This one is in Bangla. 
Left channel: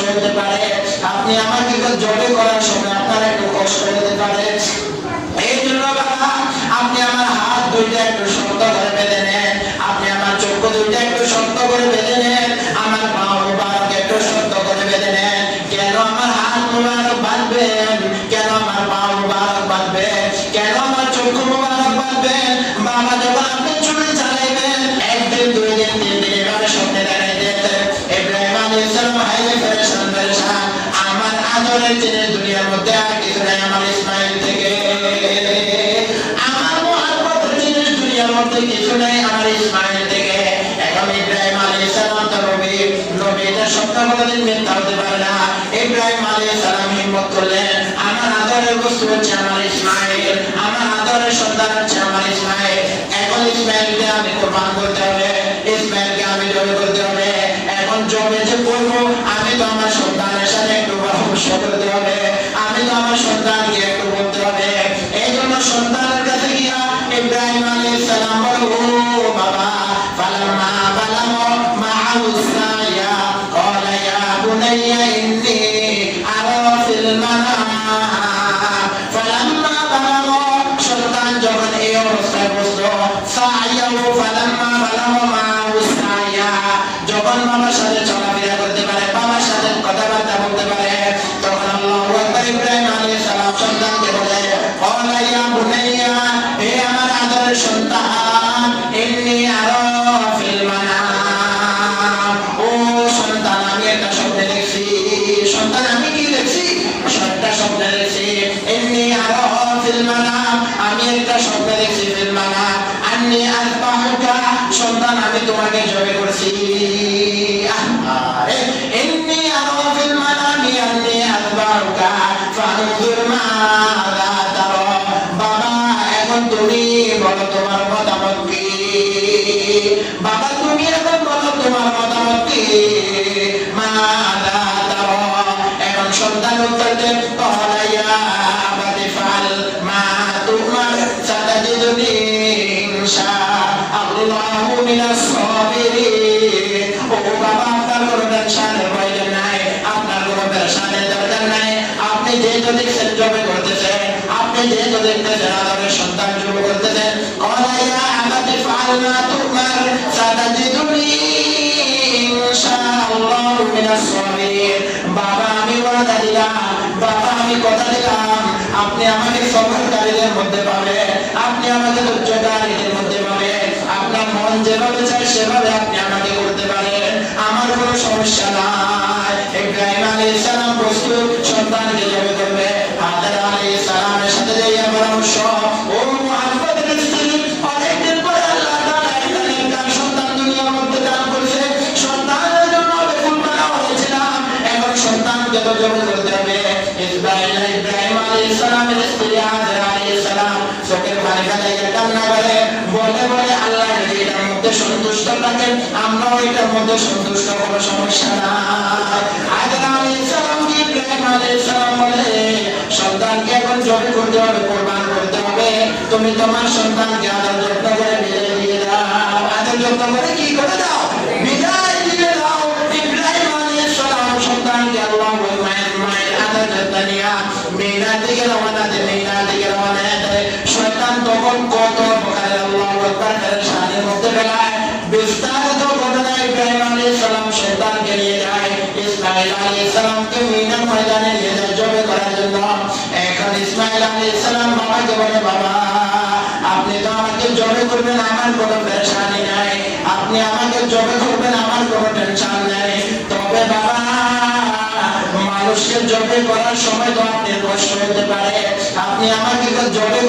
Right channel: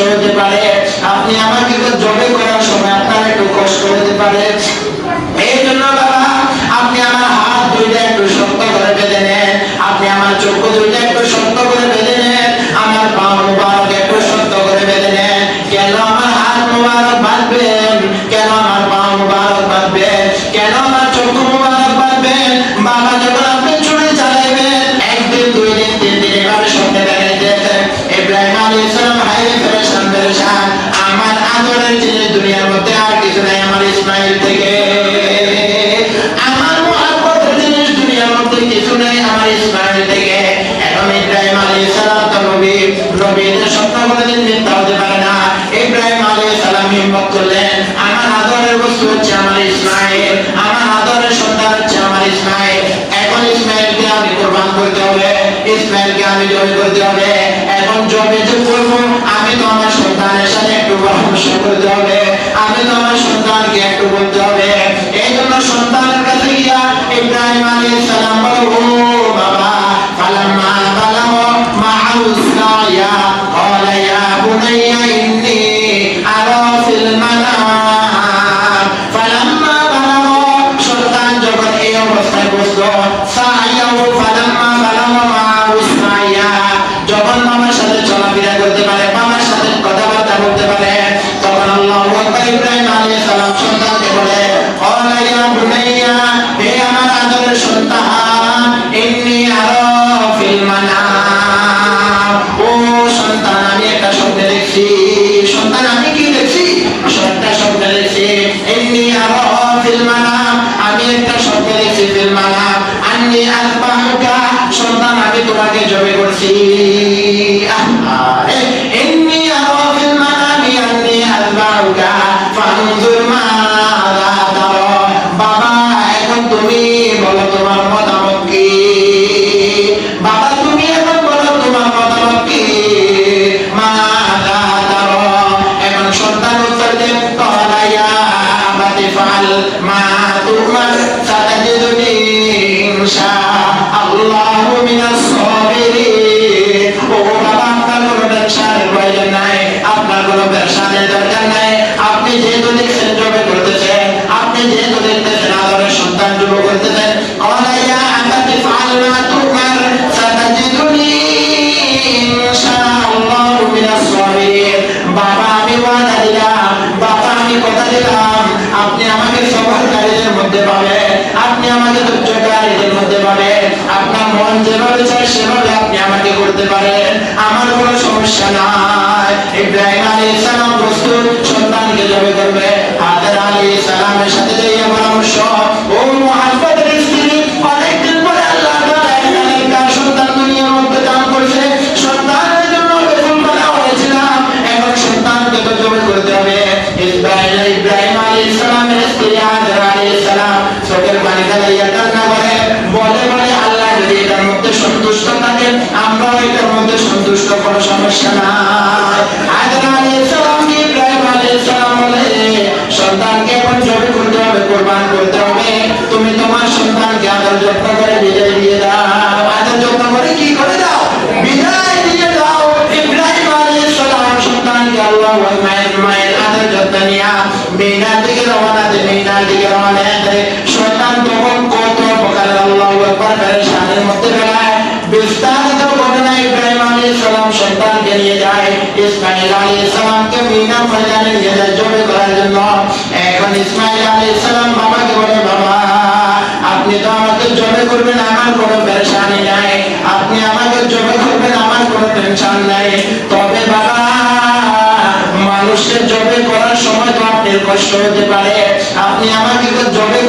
করতে পারে। আপনি আমার কিন্তু জবে আমার বস্তু হচ্ছে আমার ইসমাইল। আমার আদরের সন্তান হচ্ছে আমার ইসমাইল। এখন ইসমাইলকে আমি কোরবান করতে হবে। ইসমাইলকে আমি জয় বাবা, ফালাম্মা বালাগা মা'আ সায়া, ক্বালা ইয়া বুনাইয়া ইন্নী সন্তান আমি তোমাকে জবে করেছি। আরে। সেভাবে আপনি আমাকে করতে পারেন। আমার কোনো সমস্যা নাই। ইব্রাহিম সন্তুষ্ট কোনো সমস্যা না করবেন, আমার কোনো পেরেশানি নাই। আপনি আমাকে জবে করবেন, আমার কোনো টেনশন নাই। তবে বাবা মানুষের জবে করার সময় তো আপনার কষ্ট হতে পারে। আপনি আমাকে জবে